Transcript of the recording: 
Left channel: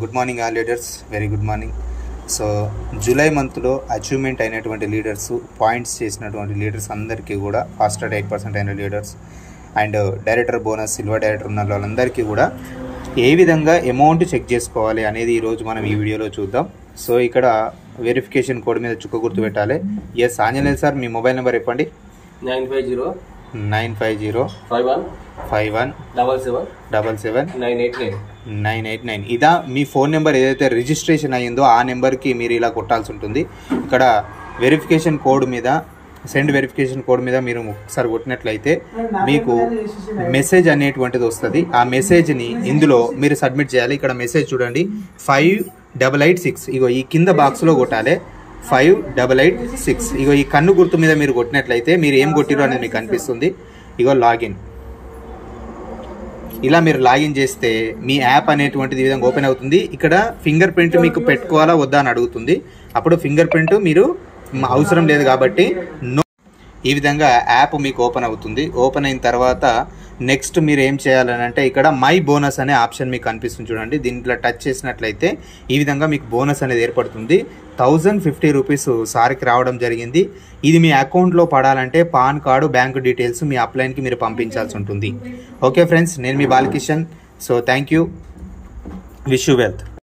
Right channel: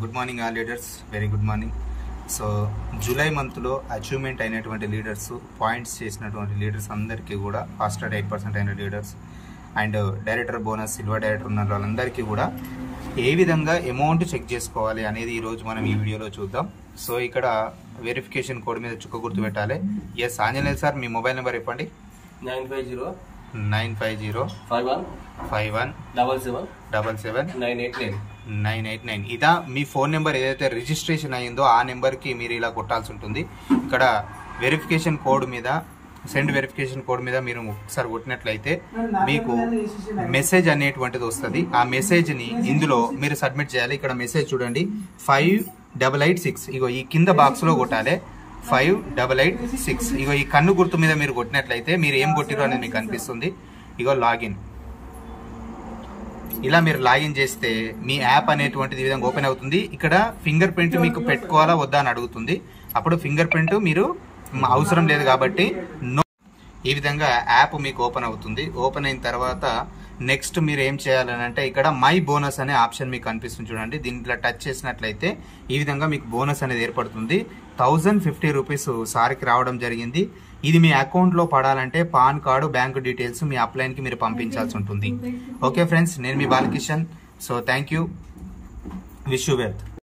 Good morning all leaders, very good morning. So July మంత్లో achievement అయినటువంటి leaders, points చేసినటువంటి leaders అందరికీ కూడా ఫాస్ట్ 8% అయిన leaders and director bonus, silver director ఉన్న వాళ్ళందరికీ కూడా ఏ విధంగా అమౌంట్ చెక్ చేసుకోవాలి అనేది ఈరోజు మనం ఈ వీడియోలో చూద్దాం. సో ఇక్కడ వెరిఫికేషన్ కోడ్ మీద చుక్క గుర్తు పెట్టాలి. ఆంజనేయులు సార్, మీ మొబైల్ నెంబర్ చెప్పండి. 950517777 ఇదా మీ ఫోన్ నెంబర్. ఏదైతే రిజిస్ట్రేషన్ అయ్యిందో ఆ నెంబర్కి మీరు ఇలా కొట్టాల్సి ఉంటుంది. ఇక్కడ వెరిఫికేషన్ కోడ్ మీద, సెండ్ వెరిఫికేషన్ కోడ్ మీద మీరు ఒకసారి కొట్టినట్లయితే మీకు మెసేజ్ అనేటువంటిది వస్తుంది. ఆ మెసేజ్ని ఇందులో మీరు సబ్మిట్ చేయాలి. ఇక్కడ మెసేజ్ చూడండి, 5886. ఇగో ఈ కింద బాక్స్లో కొట్టాలి 5886. ఇగో ఈ కన్ను గుర్తు మీద మీరు కొట్టినట్లయితే మీరు ఏం కొట్టిరో అనేది మీకు కనిపిస్తుంది. ఇగో లాగిన్. ఇలా మీరు లాగిన్ చేస్తే మీ యాప్ అనేటువంటిది ఈ విధంగా ఓపెన్ అవుతుంది. ఇక్కడ ఫింగర్ ప్రింట్ మీకు పెట్టుకోవాలా వద్దా అని అడుగుతుంది. అప్పుడు ఫింగర్ ప్రింట్ మీరు అవసరం లేదు కాబట్టి నో. ఈ విధంగా యాప్ మీకు ఓపెన్ అవుతుంది. ఓపెన్ అయిన తర్వాత నెక్స్ట్ మీరు ఏం చేయాలని అంటే ఇక్కడ మై బోనస్ అనే ఆప్షన్ మీకు కనిపిస్తుంది చూడండి. దీంట్లో టచ్ చేసినట్లయితే ఈ విధంగా మీకు బోనస్ అనేది ఏర్పడుతుంది. 1050 రూపీస్ సార్కి రావడం జరిగింది. ఇది మీ అకౌంట్లో పడాలంటే పాన్ కార్డు, బ్యాంకు డీటెయిల్స్ మీ అప్లైన్కి మీరు పంపించాల్సి ఉంటుంది. ఓకే ఫ్రెండ్స్, నేను మీ Balakishan. So thank you, wish you wealth.